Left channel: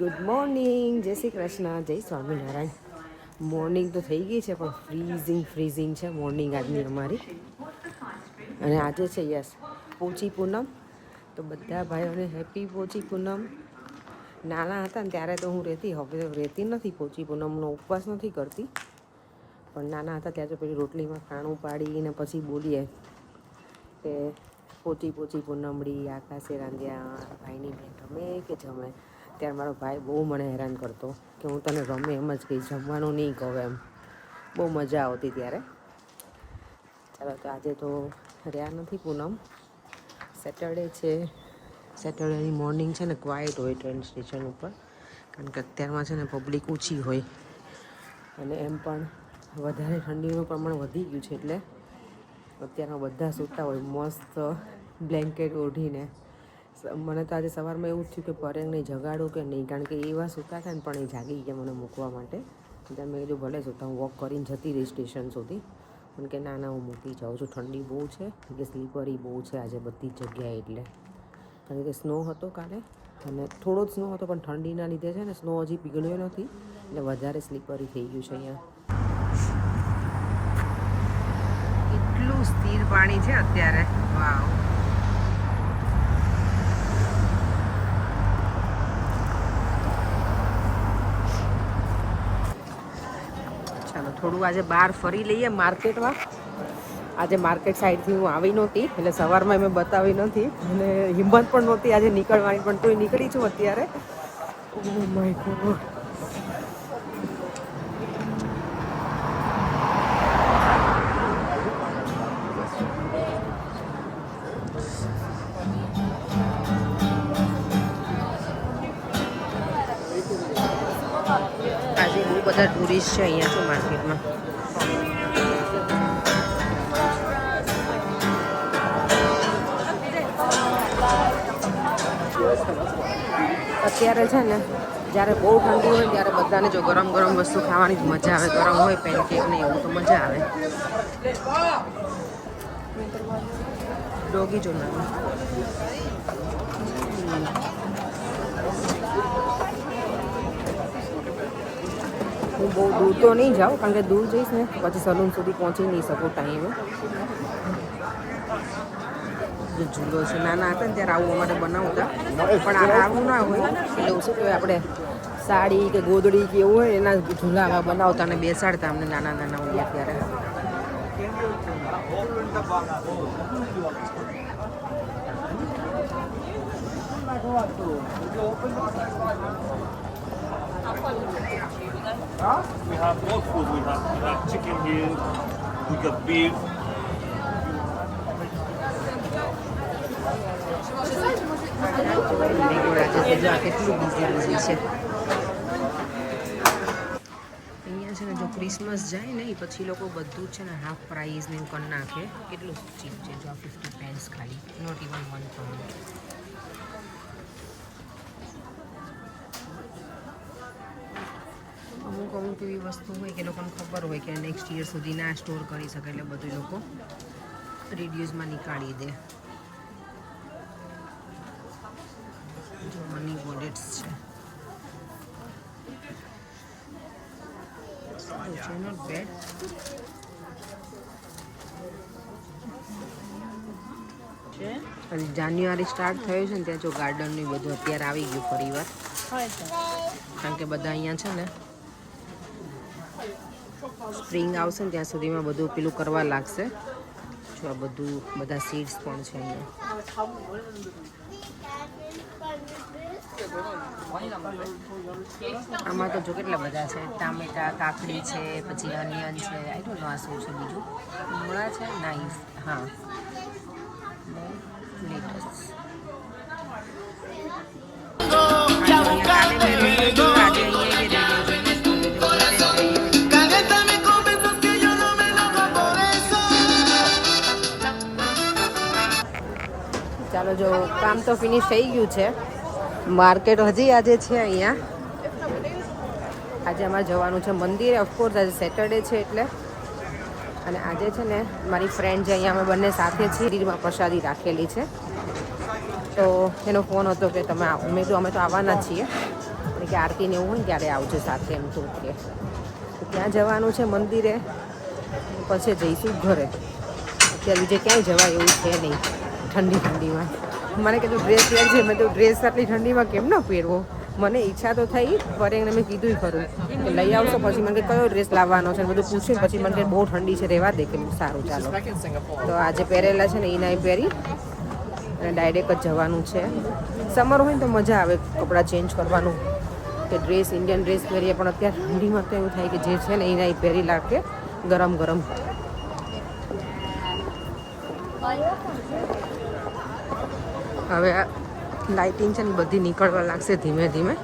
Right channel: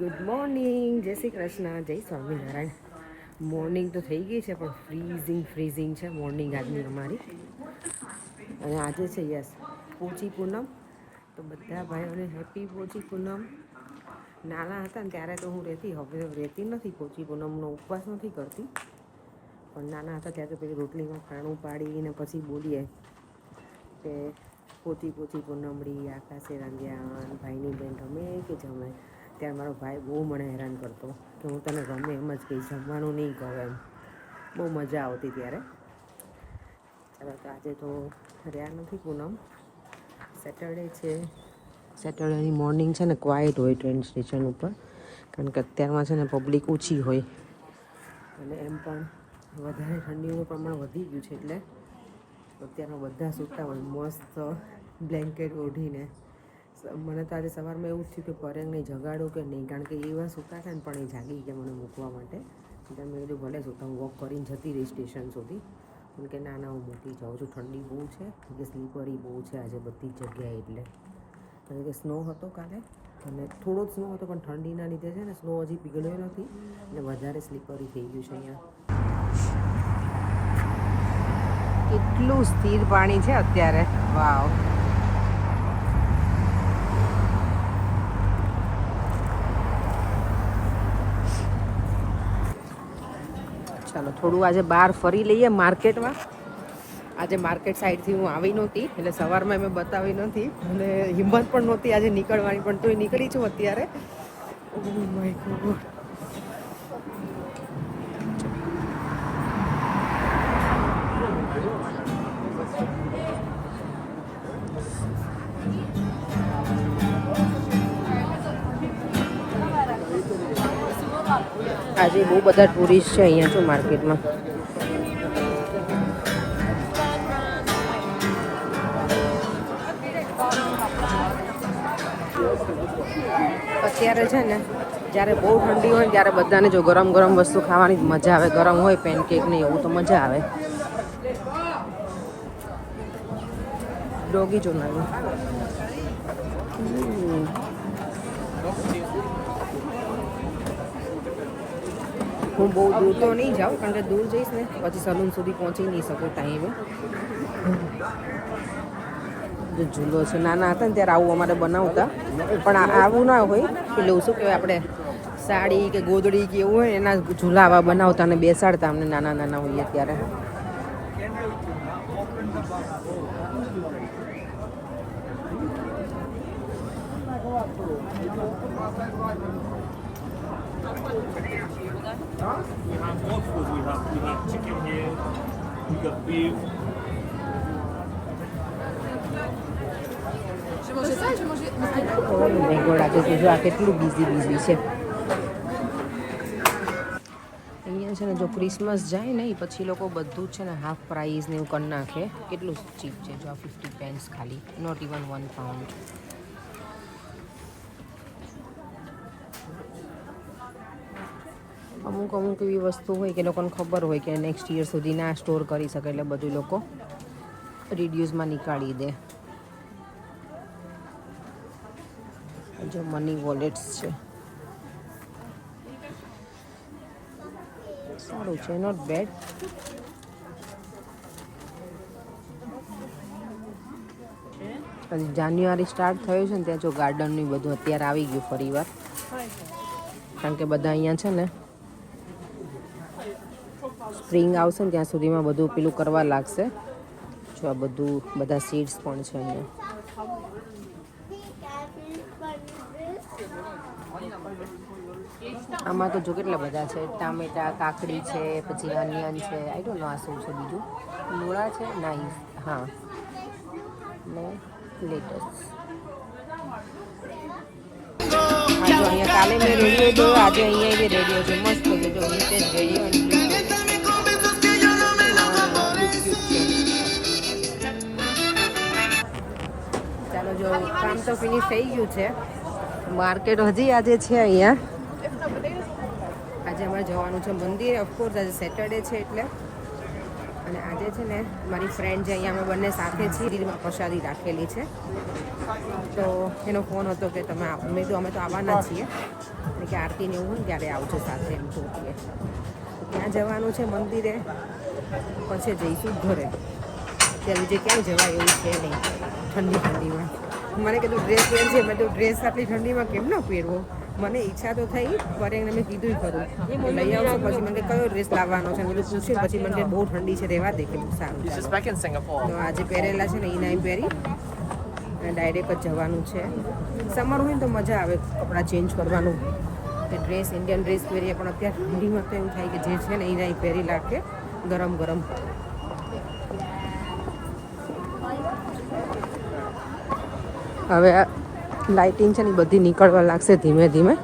Good morning, જય શ્રી કૃષ્ણ, જય Swaminarayan. Morning તો થઈ ગઈ છે પણ ફ્રીઝિંગ છે મોર્નિંગ આજની અમારી. અને આજે છે યસ પોચી પૂનમ, તો બધા ભાઈઓને હેપી પોચી પૂનમ. નાના હતા ને ત્યારે તો હું રહેતી, હવે રહેતી નથી, પોચી પૂનમનો ઉપવાસ નથી કરતી. પણ નાના હતા ત્યારે પછી રોટલીમાં ખાણું પાડીને પછી બોલીએ કે પોચી પૂનમડી આકાશે રાંધ્યા, ભાઈની બેન રમે કે જમે. ત્યારે મારો ભાઈ બહુ મને હેરાન કરતો કે હું તને ગમે એમ જ કહીશ, જમવાનું નહીં કહું એમ. બહુ મજા આવતી ત્યારે. ચાલો તો આજે તો રહ્યા નથી પૂનમ, સેટરડે છે. સેટરડેની મોર્નિંગ છે ને ક્વાઇટ હોય ટ્રેન સ્ટેશન ઉપર, કારણ કે અત્યારમાં છે ને પબ્લિક ઓછી હોય અને એમ પણ વધારે ઠંડીનું પ્રમાણ વધી ગયું છે, એટલે અત્યારમાં બધા સૂતા હોય મસ્ત બ્લેન્કેટ ઓઢીને. મને તો આજે સવારમાં એવું જ થયું કે પરેણને જગાડું કે નહીં, કારણ કે એવા સૂતા હતા ને પણ એ જાગી ગયા મને મૂકવા માટે. એટલે મેં કીધું ભલે સૂતા, હું વોક કરીને જતી રહી સ્ટેશન સુધી. પણ કે ના હું મૂકી જાઉં છું, ઠંડી બહુ છે, એટલે સ્લીપરી બહુ છે આજે બધી જ જગ્યાએ. એટલે કારણ કે સ્નો હતો કાલે અને થોડો જ સ્નો હતો, પણ ઠંડીના લીધે છે ને સ્નો હજી પીગળ્યો નથી, એટલે વધારે સ્લીપરી થઈ ગયું છે અહીંયા. એટલું સ્થિર પાણી છે અત્યારે, વાવ. ચાલો થોડું આજે બહાર ફરી લઈએ માર્કેટમાં. આજે માર્કેટ સાઈડથી હું આવી નહોતી, એટલે સવારમાં મેં બતાવી નથી અને હિંમત પણ નહોતી આજે નીકળવાની, પણ તોય નીકળી છું અત્યારે. Oh my God. આજે બહુ બધા ટુરિસ્ટ છે અહીંયા તો માર્કેટમાં. અત્યારે છે ને જ્યારે બહુ ઠંડી હોય ત્યારે બધાને જો ગરમ ગરમ વસ્તુ ખાવાની જ મજા આવે. ગરમ હોય પેનકેક ને એવું તો મજા આવે. ડોગી ચોનાવી. હું બહુ દૂર તો નહીં જાઉં, કારણ કે દૂર જઈશ ને પછી સલૂન સુધી પહોંચી નહીં શકું ટાઈમે. જે ઝૂલો છે, નાના હતા ને ત્યારે આવું અમારે બનાવતા, પણ આવું ના હોય એટલે શું કહેવાય, આપણે સાડી કે ગોદડી કે એવું હોય એના ઝૂલા આવા બનાવતા અને બેસાડતા અમને નાના નાના હોઈએ ત્યારે. We have more food. We have chicken here. We got beef. આજે જો આ કેટલું બીઝી છે અહીંયા છે ને. જો ક્રિસમસ જાય ને એ પછી લોકો બધું જ છે ને હાફ પ્રાઇઝ ને એવું કરી નાખે. કેટલું ચીપ છે જો, 50 pence ખાલી, નોટ ઇવન £1. અમુક એવી વસ્તુ હોય કે લોકોને ખબર હોય કે નેક્સ્ટ યર સુધી ના સ્ટોર કરી શકે, એટલે બધું લોકો રિડ્યુસમાં નીકાળી દે. જો મની વોલેટ્સ છે, સારું છે, નોટ બેડ. જાન્યુઆરી સ્ટાર્ટ થયું છે ને ત્યાં જો ગાર્ડનનું બધું અત્યારે આવી ગયું ફરી વાર, કારણ કે બધા અહીંયા છે ને સ્પ્રિંગ આવશે ને ત્યાં સુધીમાં બધું પેલું કરવા લાગશે. તો આ બધું બધા સીડ્સ પણ છે અહીંયા. આમાં તો જો કેટલા બધા છે, ટામેટા, કાકડી છે, પછી અનિયન છે, આઈ ડોન્ટ નો આ શું છે બીજું, મૂળા છે, નાઈસ, હા, ને લેટસ. કાલે મેં રેડિયો જોયો, આજે અહીંયા રેડિયો છે, મસ્ત રેડિયો જઈએ. ચાલો જો કામ તો ફિનિશ થઈ ગયું છે. માર્કેટ હજી આજે છે અહીંયા. આજે અમારે જવાનું છે મંદિરે, ઓફકોર્સ આજે સેટરડે છે એટલે. અને આજે છે ને મારી ફ્રેન્ડ જે અહીંયા અમે બંને સાથે છીએ મંદિરમાં પ્રસાદી રાખેલી છે, તો એનો ફોન હતો કે તમે આવો. મેં કીધું અમે તો આવવાના છીએ, એટલે કે આરતીને એવું હોય ને ત્યારે આવજો સાથે, એમ થોડુંક કે ત્યાં જવાનું છે મંદિરે, પછી જઈશું ઘરે. અત્યારે બીજે ક્યાંય જવાય એવું છે નહીં ઠંડીમાં. મને કીધું ડ્રેસ પહેરજે, મેં તો ડ્રેસ આટલી ઠંડીમાં કેમ ન પહેરવો. મને ઈચ્છા તો થઈ, પર એને મેં કીધું ખરું કે લઈ આવશો. પછી મને કયો ડ્રેસ લાવવાનો છે બધું પૂછ્યું, પછી મને બહુ ઠંડી છે રહેવા દે, કે સારું ચાલો. તો આજે પહેરેલા છે ને એ નહીં પહેરી અને ડાયરેક્ટ જ જવાનું છે. સમર હોય ને તો મજા આવે કપડાં ચેન્જ કરવાનું, કે ડ્રેસ ઇન્ડિયન ડ્રેસ પહેરીએ, પણ અત્યારે ઠંડીમાં તો એવું થાય કે જે છે ને એ નહીં પહેરી લાગે ગરમ ગરમ. હવે લાઇટિંગ છે ને બધી નીકળવા લાગશે ધીમે ધીમે.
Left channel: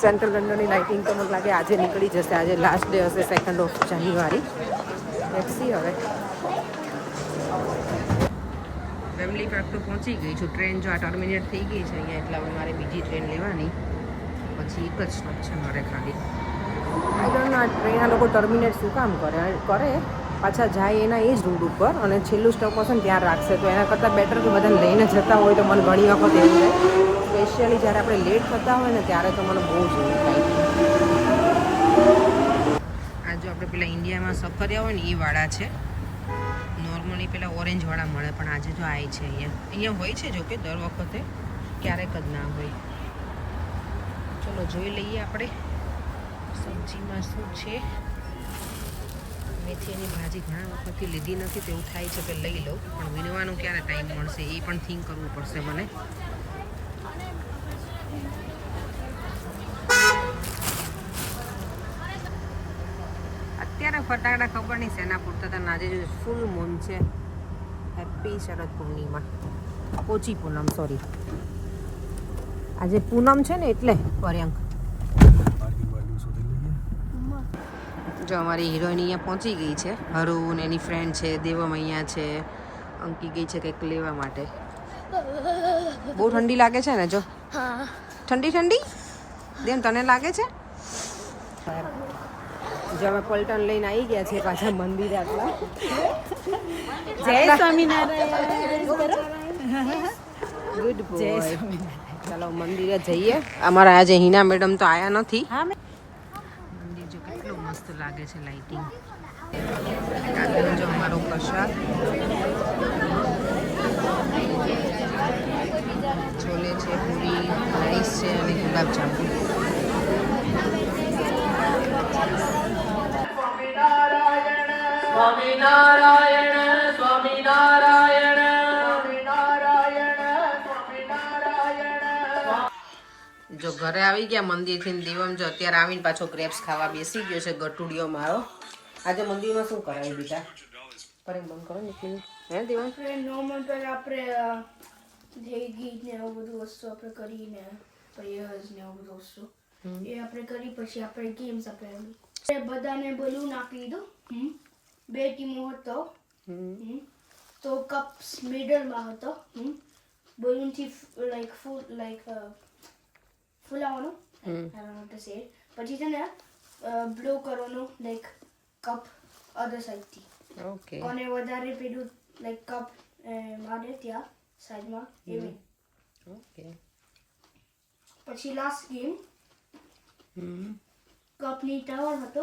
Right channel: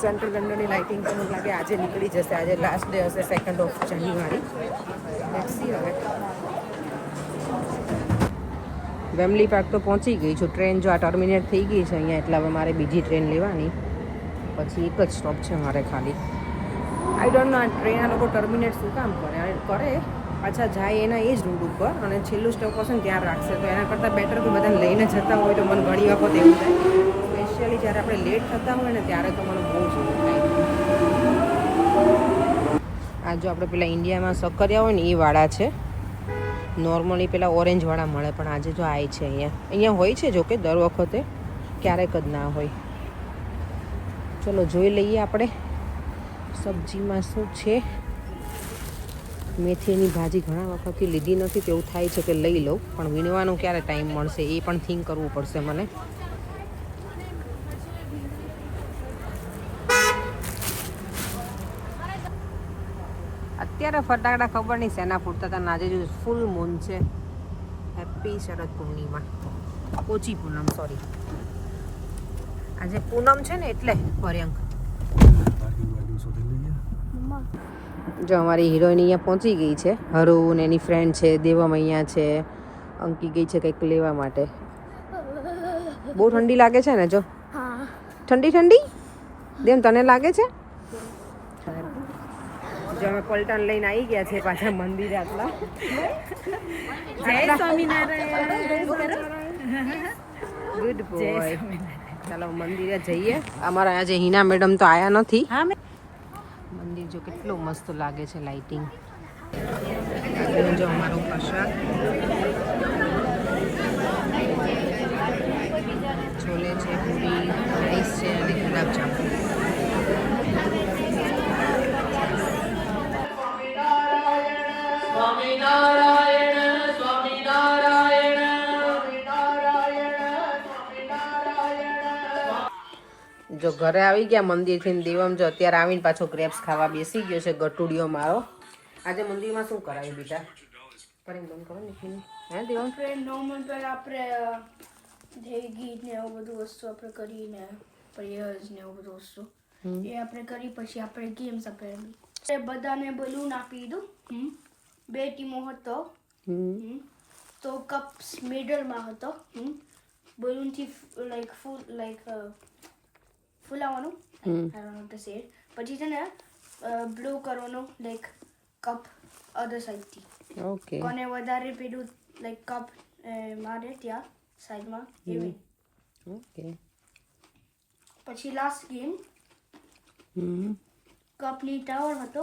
સેન્ટ્રલ લંડનની લાઇટિંગ તો મને લાગે આજે નીકળી જશે. આજે લાસ્ટ ડે હશે, 2 જાન્યુઆરી. Let's see. હવે વેમલી પાર્ક તો પહોંચી ગઈ છું. ટ્રેન જો આ ટર્મિનેટ થઈ ગઈ છે અહીંયા, એટલે હવે મારે બીજી ટ્રેન લેવાની. પછી એક જ સ્ટોપ છે મારે ખાલી. આઈ ડોન્ટ નો આ ટ્રેન આ લોકો ટર્મિનેટ શું કામ કરે પાછા જાય એના એ જ રૂટ ઉપર, અને છેલ્લું સ્ટોપ હશે ને ત્યાં રાખશે. તો એના કરતાં બેટર કે બધાને લઈને જતા હોય તો મને ઘણી વખત એવું થાય. સ્પેશિયલી જ્યારે આપણે લેટ થતા હોય ને ત્યારે તો મને બહુ જ એવું થાય. આ જો આપણે પેલા ઇન્ડિયામાં સક્કરિયા હોય ને એ વાળા છે. નોર્મલી પેલા ઓરેન્જવાળા મળે, પણ આજે જો આ છે અહીંયા હોય છે. જો કે દર વખતે ક્યારેક જ ના હોય. ચલો જોઈ લઈએ આપણે સબ્જીમાં શું છે. મેથીની ભાજી ઘણા વખતથી લીધી નથી, તો એવું થાય છે કે લઈ લઉં, પણ વીણવાનો ક્યારે ટાઈમ મળશે એ પણ થિંક કરવું પડશે મને. અત્યારે ફટાકડા ખબર નહીં શેના ફૂટતા હતા. આજે ફૂલ મૂન છે. હેપી શરદ પૂર્ણિમા, પોચી પૂનમ, સોરી. આજે પૂનમ છે ને એટલે પર્યંક. જો અમારી હિરોઈન અહીંયા પહોંચી ગઈ છે. હરુ ને એની ફ્રેન્ડ છે, દેવમ અહીંયા છે. અંકી ગઈ છે કંઈક લેવા માટે. બહુ ઠંડી લાગે છે ને? જો ઠંડી દેમ તને લાગે છે? જો અમે પલટન લઈને આવી ગયા છે પાછા મંદિરે. આટલા જય સ્વામિનારાયણ. Good boy. ચાલો મંદિરે જઈએ. અમારા આજે હિના મેડમ તો આયા નથી. મંદિર જો કેટલું મસ્ત લાગે છે, લાઇટિંગ. જો અમારો પ્રસાદ છોલે છે, પૂરી, રાઈસ છે અને ગુલાબજાંબુ. સ્વામિનારાયણ સ્વામિનારાયણ સ્વામિનારાયણ. જો ઘરે આવી ગયા મંદિરથી ને દેવમ જો અત્યારે આવીને પાછો ગ્રેપ્સ ખાવા બેસી ગયો છે. ગટુડિયો મારો. આજે મંદિરમાં શું કરાયું બેટા? પરી બંધ કરો ને. હે દેવમ? નોર્મલ પહેલા આપણે ગીત ને એવું બધું વસ્તુ આપણે કરીને પ્રેયર્સ ને એવું બધું વસ્તુ એ આપણે કરી, પછી આપણે ગેમ્સ આપણે બધાને બલૂન આપી દીધું. 2 ટીમો હતો, તો કપ્સ મિડલમાં હતો. બલૂનથી ફૂલાવાનું. પછી છે ને બ્લો કરવાનું, લાઈક કપ અધર સાઈડથી. ઓકે. કોને વધારે પેલું લાઈક કપ મારે ત્યાં સાઈડમાં એવી. ઓકે. પછી લાસ્ટ ગેમ કપની ટાવર હતો.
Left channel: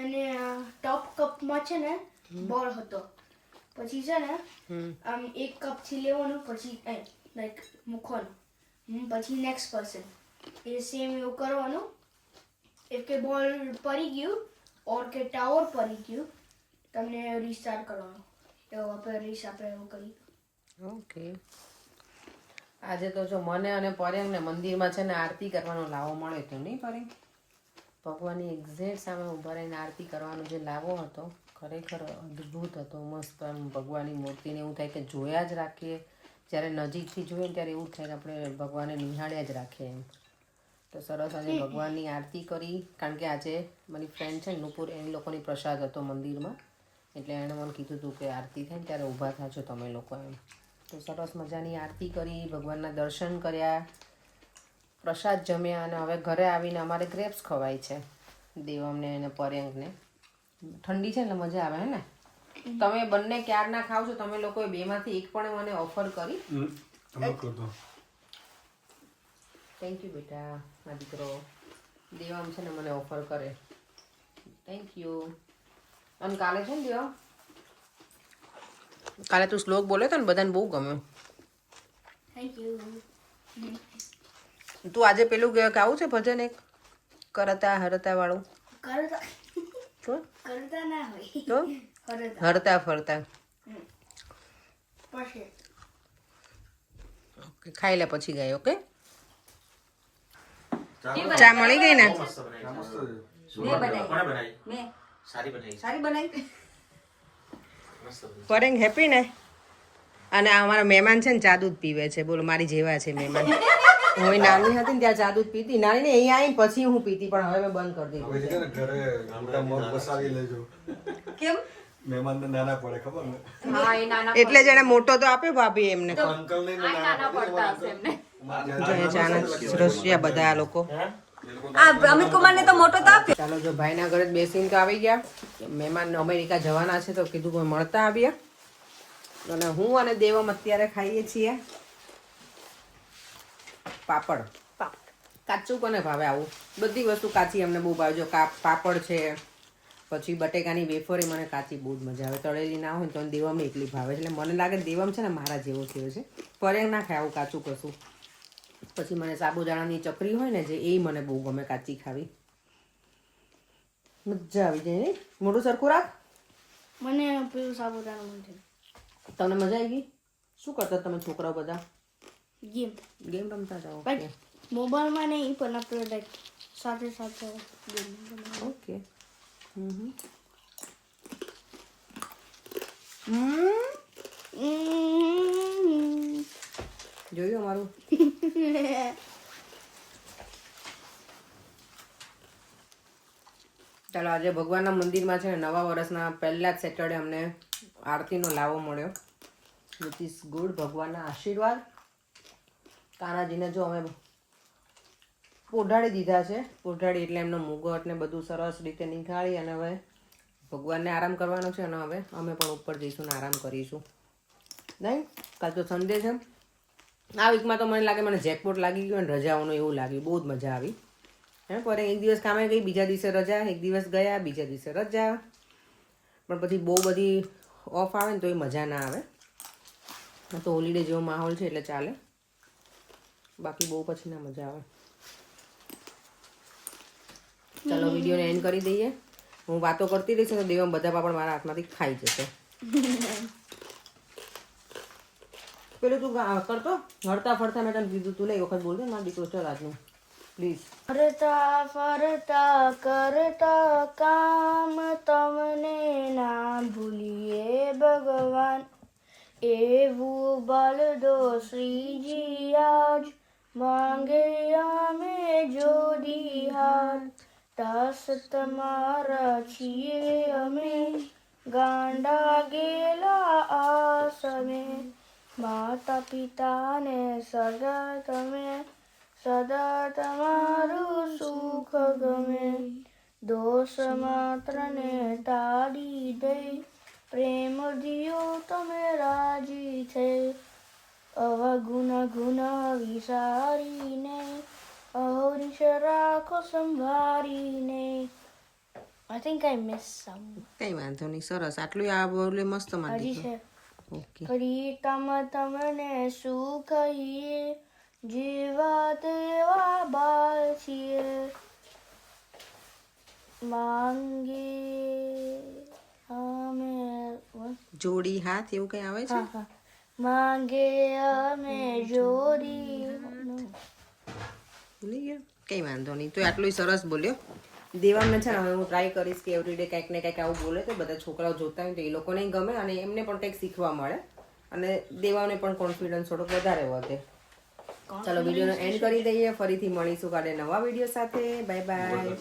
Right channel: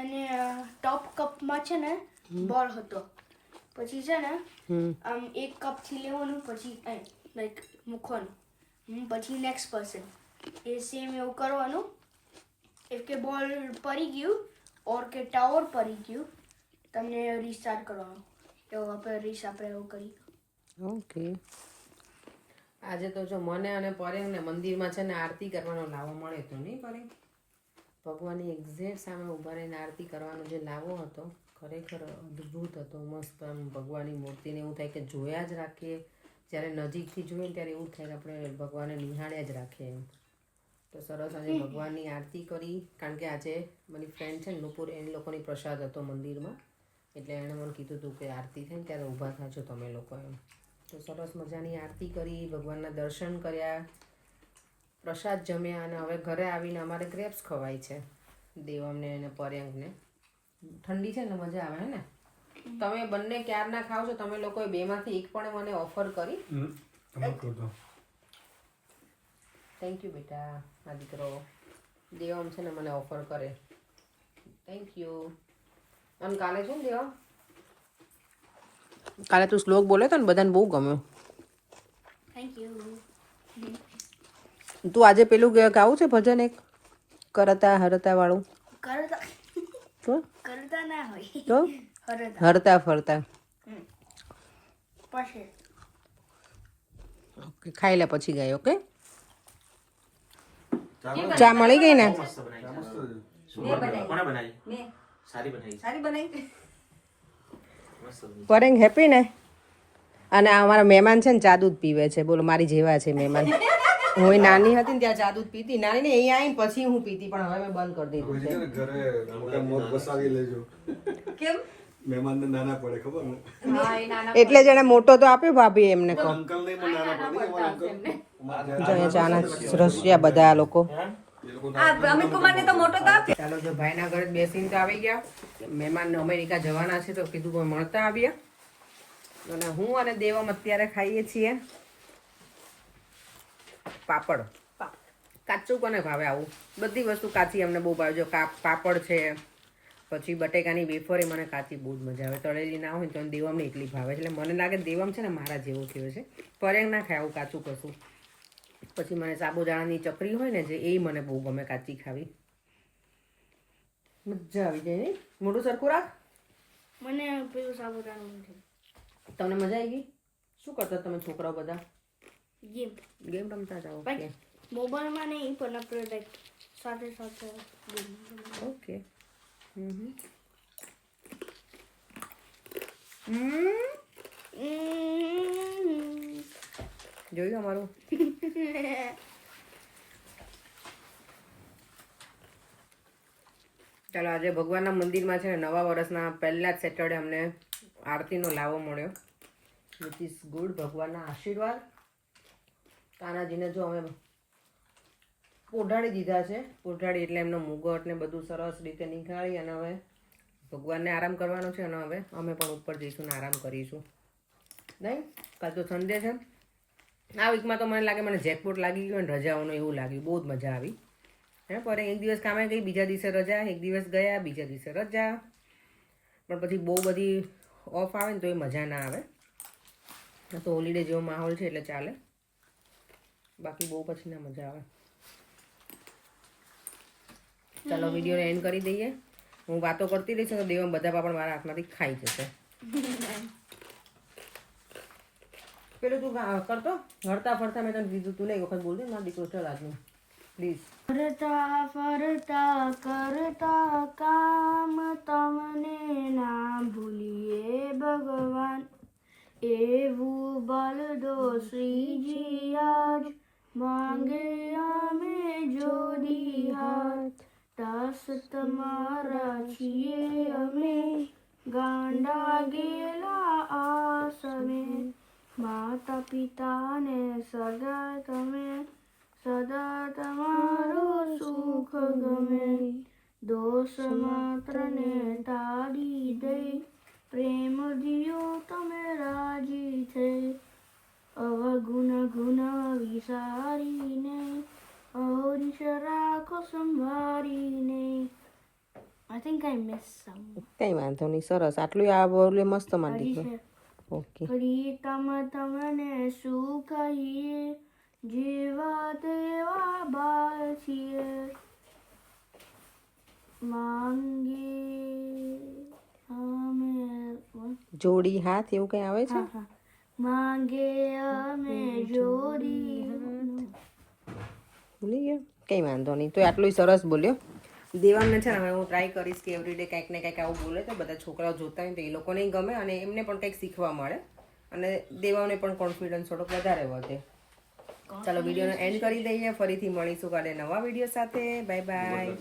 અને ટોપ કપમાં છે ને બોલ હતો. પછી છે ને આમ એક કપથી લેવાનું, પછી લાઈક મૂકવાનું, પછી નેક્સ્ટ પર્સન એ સેમ એવું કરવાનું. એક કે બોલ પડી ગયું ઓર કે ટાવર પડી ગયું, તમને રીસ્ટાર્ટ કરવાનું. એવું આપણે એવું કરી. ઓકે. આજે તો જો મને અને પર્યંકને મંદિરમાં છે ને આરતી કરવાનો લાવો મળ્યો હતો, નહીં પર્યંક? ભગવાનની એક્ઝેક્ટ સામે ઊભા રહીને આરતી કરવાનો જે લાવો હતો, ખરેખર અદ્ભુત હતો. મસ્ત આમ ભગવાનની મૂર્તિને એવું થાય કે જોયા જ રાખીએ. જ્યારે નજીકથી જોઈએ ને ત્યારે એવું થાય કે આપણે ભગવાનને નિહાળ્યા જ રાખીએ એમ. તો સરસ આજે ભગવાનની આરતી કરી. કારણ કે આજે મારી ફ્રેન્ડ છે ને નુપુર, એની લોકોની પ્રસાદ હતો મંદિરમાં, એટલે એણે મને કીધું હતું કે આરતી થાય ને ત્યારે ઊભા થાજો તમે લોકો એમ. તો સરસ મજાની આરતી કરી, ભગવાનના દર્શન કર્યા, પ્રસાદ જમ્યા, અને હવે ઘરે આવીને અમારે ગ્રેપ્સ ખવાય છે. દેવામને અને પર્યંકને. ઠંડી છે એટલે મજા આવે હે ને. તમે બંને ક્યારના ખાવ છો? તમે લોકોએ બેમાંથી એક પણ મને ઓફર કરી? થેન્ક યુ બેટા, આ દીકરો દેવામ છે ને મને ઓફર કરે. Thank you. અને કાલે છે ને દેવામ, કાલે તું શ્લોક બોલે તો ને બધાને બહુ ગમ્યું. Thank you. તું આજે પેલું ગાવું છે ભજન એક કરતા હરતા વાળું? કરતા તો કરતા ના હોય તો હરતા હરતા ફરતા. પછી ઓકે, ખાઈ લે પછી ગાય. ઓકે, ચા મળી ગઈ ને? પરેંગ હેપી ને? અને આ અમારા મહેમાન છે ને ચા દૂધ પીવે છે. બોલો, મારી જેવા છે મહેમાન. હું નાની હતી ને ત્યાં ચા દૂધ પીતી. નાની ને અહીંયા આવીને પછી હું પીતી, પણ હવે મેં બંધ કરી દીધું છે. કેમ? મહેમાનને નાના પડે ખબર ને? એટલે જ એને મોટો તો આપ્યો ભાભી એમને. ચાના રસિયા બધા આ લોકો. ચાલો, જો ભાઈના ઘરે જ બેસીને તો આવી ગયા. મહેમાન અમેરિકા જવાના છે તો કીધું કે મળતા આવ્યા. અને હું અને દેવમ અત્યારે ખાઈએ છીએ પાપડ. કાચું કોને ભાવે? આવું બધી વસ્તુ કાચી અમને બહુ ભાવે. જો પાપડ છે, પછી બટેકાની વેફરે મને કાચી બહુ જ મજા આવે. તળેલી ના હોય તો દેવમને એટલી ભાવે. એટલે મને લાગે દેવમ છે ને મારા જેવો થયો છે. પરેંગ ના ખાય આવું કાચું કશું. પછી મને સાબુદાણાની ચકરી હોય ને જે, એ મને બહુ ગમે કાચી ખાવી. મજા આવી જાય. મોઢું સરખું રાખ. મને પેલું સાબુદાણા મને તમને મજા આવી ગઈ? શું કરતા તમે છોકરાઓ બધા? ગેમ રમતા હતા? ઓકે મોબાઈલમાં નહીં, પણ આપણે લાઈક સાથે સાથે ગેમ. ઓકે. જોયું અમારું? ચાલો, આજે ભગવાનના મંદિરમાં છે ને નવા વર્ષના પહેલા જ સેટરડે અમને આરતીનો લાવો મળ્યો. Which is good. ભગવાનના આશીર્વાદ. કાનાજીને જો અમે પોઢાડી દીધા છે. પોઢાડી એટલે એમનો મુગટ ને બધું સરસ રીતે નીકાળી અને હવે ભગવાનને આરામ કરવાનો છે. અને હવે અમે પણ ઉપર જઈશું ને આરામ કરીશું. નહીં, કાલ તો સન્ડે છે. આ વીકમાં તો મને લાગે મને જેકપોટ લાગી ગયું અને રજાઓનું એવું લાગ્યું. બહુ જ મજા આવી. હે પર એક દિવસ કામે ગઈ, બીજા દિવસે રજા. એક દિવસ ગયા, બીજા દિવસે રજા. પણ પછી બહુ બધી ઓફ આવે ને તો એ મજા ના આવે. તો હોલિડે જેવો માહોલ છે એટલે ચાલે. બાકી બહુ પછી ના મજા આવે. ચાલો, વિડીયોને એન્ડ કરી દઈએ. હું વાતો કરતી રહીશ તો દેવમ બધા પાપડ મારા હાથમાંથી ખાઈ જશે. પેલું તું કરતો હરતા ફરતા. મેં તને કીધું તું ને એક વખત બોલજો મારા દીકરો. ચાલ આજનું પ્લીઝ. ફરતા ફરતા કરતા કામ તમને ના ભૂલીએ ભગવાન. એવું બલ દો શ્રીજી આજ, માંગે અમે જોડી હાથ. દાસ તમારા છીએ અમે, ગાંડા ગેલા આ સમય. માતા પિતાને સદા તમે, સદા તમારું સુખ ગમે. દોષ માત્ર ને ટાળી દઈ, પ્રેમ દિયો તમે રાજી થઈ. અવગુણ ગુણ વિસારીને, ઔરીશ રાખો સંભારીને. I think I missed some. કઈ વાંધો નહીં. સરસ. આટલું આ બોલે મસ્ત મારી હજી દીકરો. છે. ઓકે. પ્રીતમ તમને શું કહીએ, જીવા તેવા બાળ છીએ. માંગે અમે જોડી હાથ એવું કઈ આવે છે? માંગે અમે જોડી. ભૂલી ગયા? કંઈ વાંધો નહીં. તો આટલું સરસ બોલ્યો. દેવામને છે ને હવે હું ટ્રાય કરીશ કે એવરીડે કંઈક ને કંઈક આવું બોલે તો બધા છોકરાઓ જોતા હોય તો એ લોકોને ગમે અને એમને પણ કંઈક શીખવા મળે અને દેવાને પણ કોન્ફિડન્સ થોડોક વધારે વધે. ચાલો, વિડીયોનો એન્ડ કરી દઈએ. ફરીથી મળીશું કાલે નવા વિડીયો સાથે. Bye bye.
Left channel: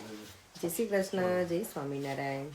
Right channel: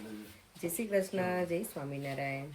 જય શ્રી કૃષ્ણ. જય સ્વામિનારાયણ.